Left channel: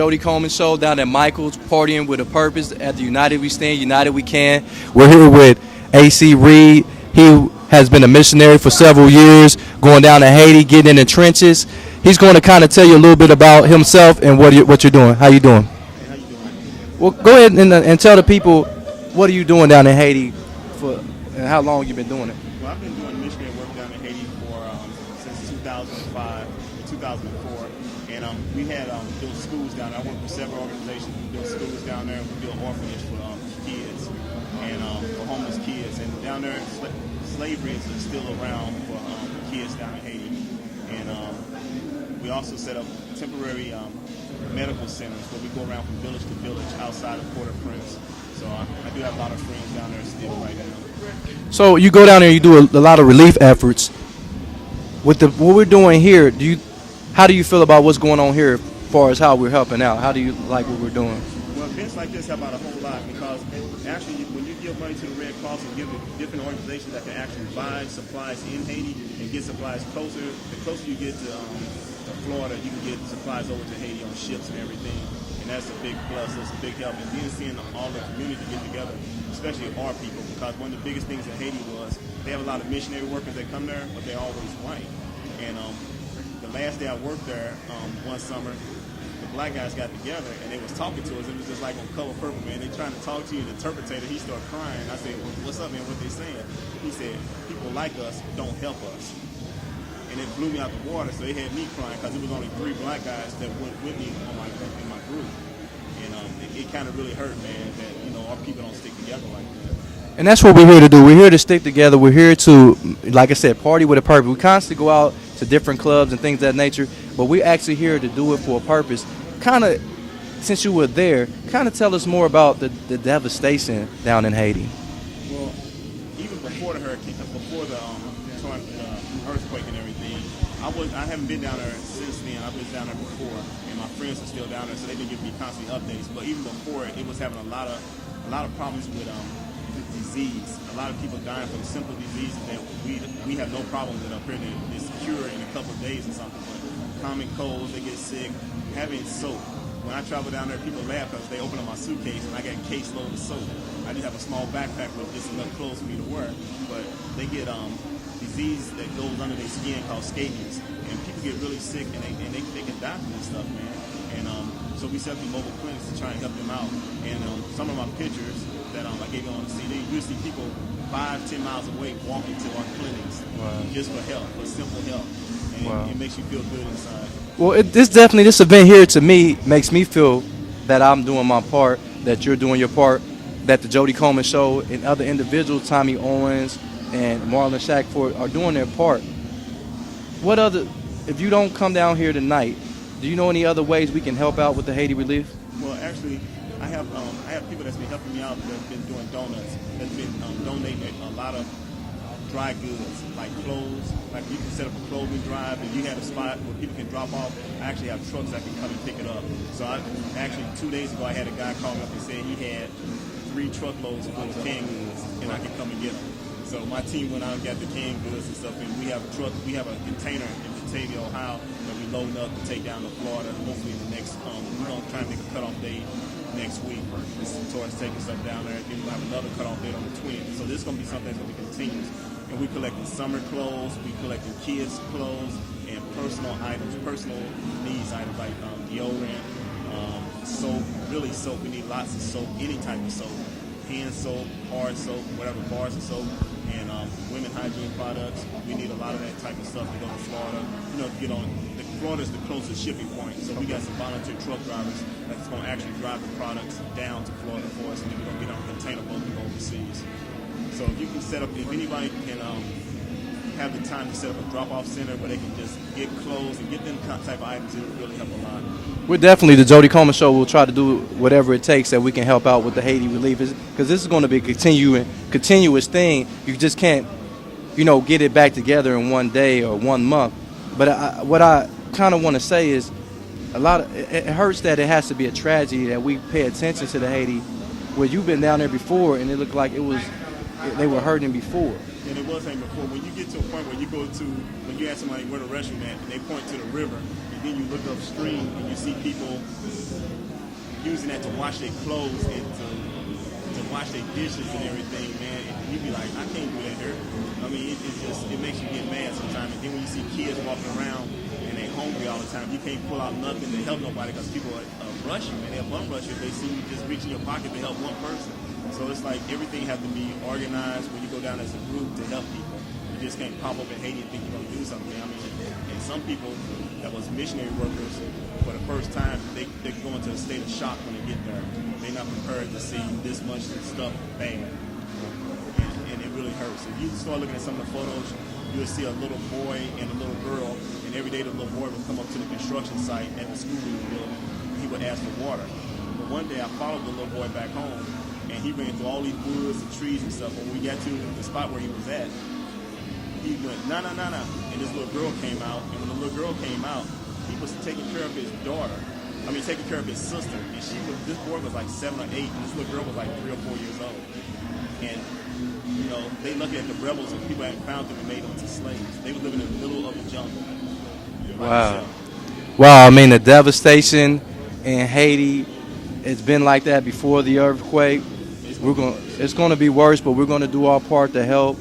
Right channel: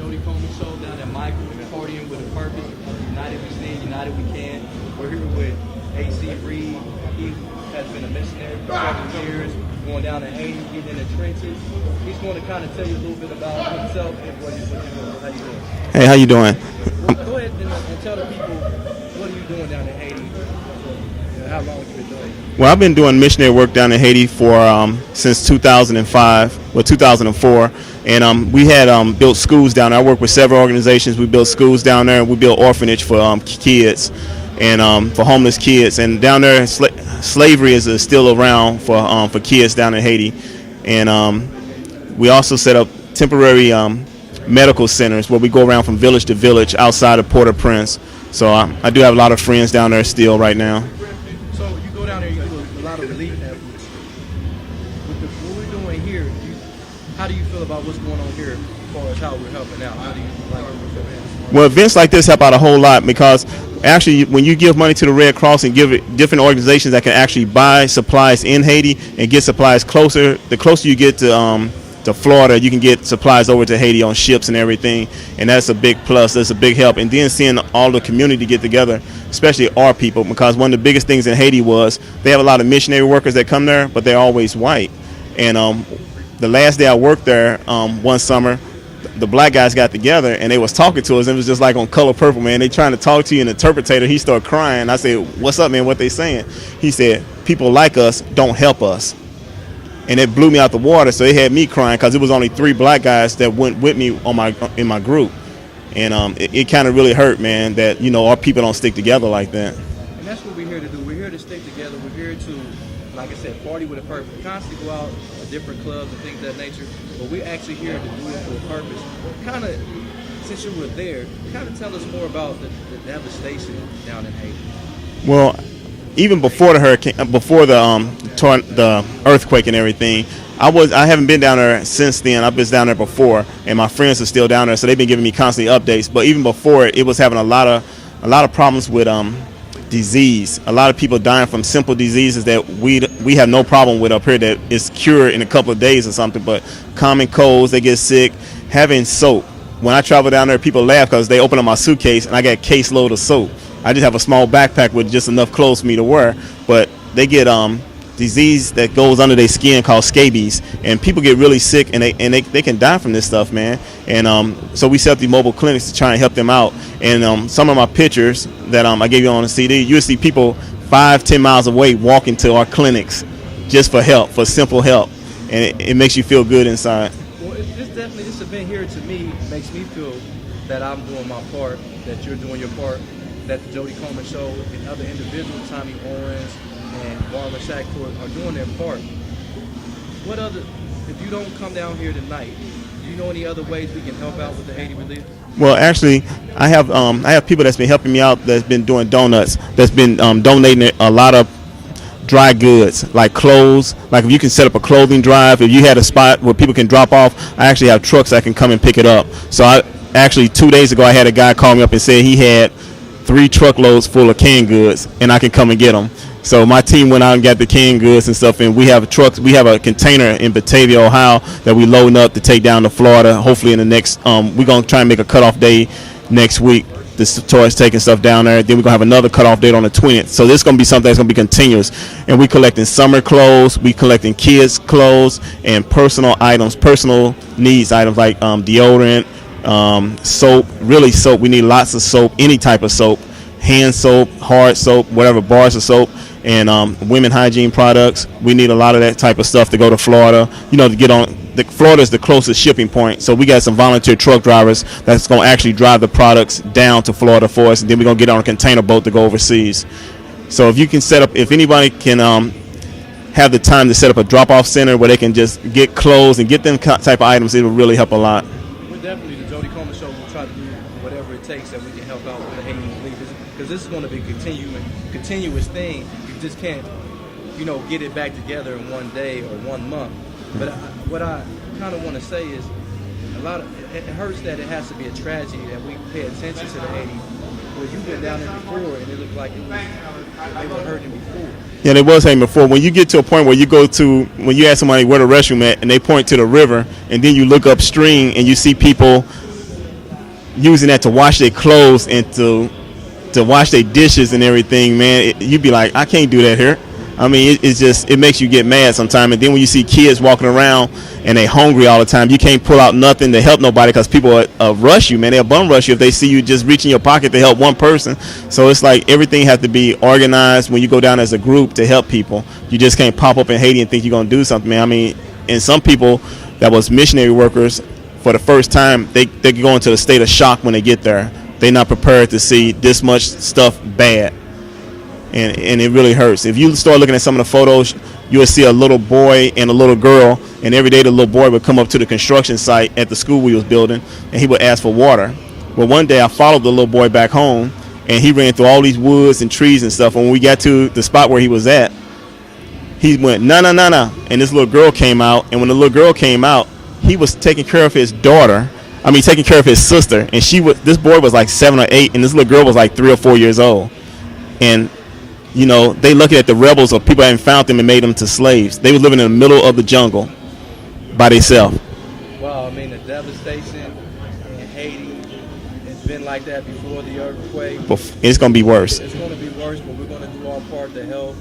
Jody Coleman Show down at Michael's, partying with a purpose at the United We Stand, United We Can. We're here with AC Reed. He has been a missionary for several years, going down to Haiti, getting in the trenches. He's going to kind of tell you a little bit about himself and what you're doing. How you doing? Hey, how you doing? Well, go ahead and tell the people, what are you doing down in Haiti and how long you've been doing it? Well, I've been doing missionary work down in Haiti for since 2004, and we had built schools down there. I work with several organizations. We built schools down there. We built orphanage for kids and for homeless kids. And down there, slavery is still around for kids down in Haiti. And we also set up temporary medical centers where we go around from village to village outside of Port-au-Prince. So I do have a lot of friends down there still right now. So you go down there and you do a lot of relief efforts. With what we're doing here, how do you feel about what's going on here as far as how we're helping out? How do you like what we're doing? Well, events like this help out a whole lot because actually when you give money to the Red Cross and give it different organizations that can actually buy supplies in Haiti and get supplies closer, the closer you get to Florida, you can get supplies over to Haiti on ships and everything, and that's a big plus. That's a big help. And then seeing all the community get together, especially our people, because one of the biggest things in Haiti was they have a lot of missionary workers that come there, but they're always white. And the last day I worked there one summer, the black guys got together and they was talking to us, and it was just like on Color Purple, man. They trying to talk to you, and the interpreter, he started crying. I said, "What's up, man? What they saying?" He said, "People like us don't help us." And it blew me out the water, so it had me crying because it was only 3 black guys that went with me in my group. And it kind of really hurt, man, that, our people don't stick together like that. And that's what we're here to do. We're here to stick together. We're here to, like I said, party with a purpose. We constantly go out to different clubs and things of that nature, but we're actually here to do it for a purpose. Kind of, since you were there, kind of tell us more about the devastation down in Haiti. Well, even before the hurricane, before the earthquake and everything, I haven't been down there since then. I've been down there before, and my friends are still down there, so they've been giving me constant updates. But even before it was having a lot of problems with disease. A lot of people dying from simple diseases that we have no problem with up here that is cured in a couple of days or something. But common colds, they get sick. Having soap. When I travel down there, people laugh because they open up my suitcase and I got a caseload of soap. I just have a small backpack with just enough clothes for me to wear, but they get disease that goes under their skin called scabies, and people get really sick, and they can die from this stuff, man. And so we set up these mobile clinics to try and help them out. And some of my pictures that I gave you on the CD, you'll see people 5-10 miles away walking to our clinics just for help, for simple help, and it makes you feel good inside. Well, this event here to me makes me feel that I'm doing my part, that you're doing your part, that the Jody Coleman Show and other individuals, Tommy Owens and Marlon Shackford, are doing their part. If you don't come down here tonight, do you know any other ways we can help out with the Haiti relief? Well, actually, I have people that's been helping me out, that's been doing donuts, that's been donating a lot of dry goods like clothes. Like if you can set up a clothing drive, if you had a spot where people can drop off, I actually have trucks that can come and pick it up. So 2 days ago, I had a guy call me up and said he had 3 truckloads full of canned goods, and I can come and get them. So my team went out and got the canned goods and stuff, and we have trucks. We have a container in Batavia, Ohio, that we loading up to take down to Florida. Hopefully in the next, we're gonna try and make a cutoff day next week. This tourist taking stuff down there. Then we're gonna have another cutoff date on the 20th. So this is gonna be something that's gonna be continuous. And we collecting summer clothes, we collecting kids' clothes, and personal items, personal needs items like deodorant. Soap, really soap. We need lots of soap, any type of soap, hand soap, hard soap, whatever, bars of soap, and women hygiene products. We need a lot of that type of stuff to go to Florida. To get on. Florida is the closest shipping point, so we got some volunteer truck drivers that's going to actually drive the products down to Florida for us, and then we're going to get on a container boat to go overseas. So if you can if anybody can have the time to set up a drop-off center where they can just get clothes and get them type of items, it will really help a lot. We're definitely, the Jody Coleman Show will try to do whatever it takes that we can help out with the Haiti relief, because this is going to be a continuous thing. You just can't, get it back together in one day or 1 month. But what I kind of want to say is, it hurts that it has to be a tragedy that we pay attention to the Haiti, where you've been down there before and it looked like they were hurting before. Yeah, they was hurting before. When you get to a point where when you ask somebody where the restroom at and they point to the river, and then you look upstream and you see people using that to wash their clothes and to wash their dishes and everything, man, you'd be like, I can't do that here. I mean, it's just, it makes you get mad sometimes. And then when you see kids walking around and they hungry all the time, you can't pull out nothing to help nobody because people rush you, man. They'll bum rush you if they see you just reach in your pocket to help one person. So it's like everything has to be organized when you go down as a group to help people. You just can't pop up in Haiti and think you're going to do something, man. I mean, and some people that was missionary workers for the first time, they go into a state of shock when they get there. They're not prepared to see this much stuff bad. And it really hurts. If you start looking at some of the photos, you will see a little boy and a little girl, and every day the little boy would come up to the construction site at the school we was building, and he would ask for water. Well, one day I followed the little boy back home, and he ran through all these woods and trees and stuff. And when we got to the spot where he was at, he went, nah, nah, nah, nah. And this little girl came out, and when the little girl came out, he was taking care of his daughter. I mean, taking care of his sister, and this boy was like 7 or 8, and this little girl was like 3 or 4 years old. And you know, they looking at the rebels or people that hadn't found them and made them to slaves. They were living in the middle of the jungle by themselves. Wow, I mean, the devastation in Haiti, it's been like that before the earthquake. It's going to be worse. It's going to be worse, but we're going to do our part to help.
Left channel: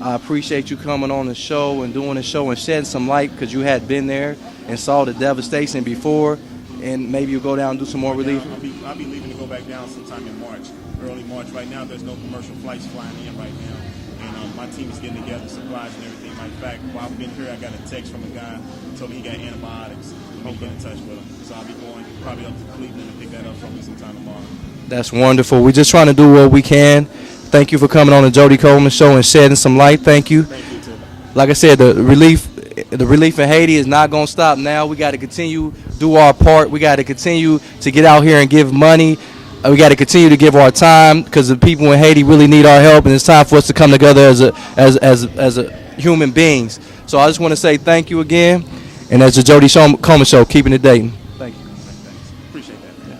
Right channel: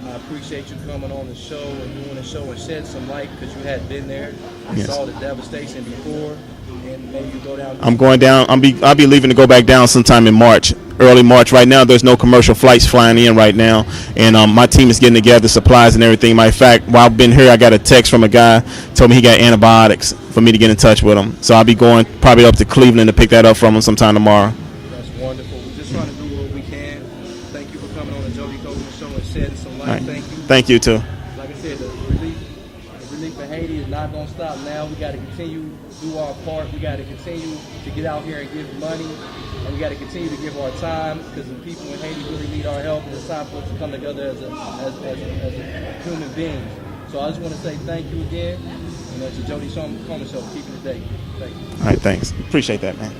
I appreciate you coming on the show and doing the show and shedding some light because you had been there and saw the devastation before. And maybe you'll go down. I'm going down. I'll be leaving to go back down sometime in March, early March. Right now, there's no commercial flights flying in right now, and my team is getting together supplies and everything. Matter of fact, while I've been here, I got a text from a guy told me he got antibiotics for me to get in touch with him. So I'll be going probably up to Cleveland to pick that up from him sometime tomorrow. That's wonderful. We're just trying to do what we can. Thank you for coming on the Jody Coleman Show and shedding some light. Thank you. Thank you too. Like I said, the relief in Haiti is not going to stop now. We got to continue do our part. We got to continue to get out here and give money. We got to continue to give our time because the people in Haiti really need our help, and it's time for us to come together as a human beings. So I just want to say thank you again, and as the Jody Coleman Show, keeping it dating. Thank you. All right, thanks. Appreciate that, man.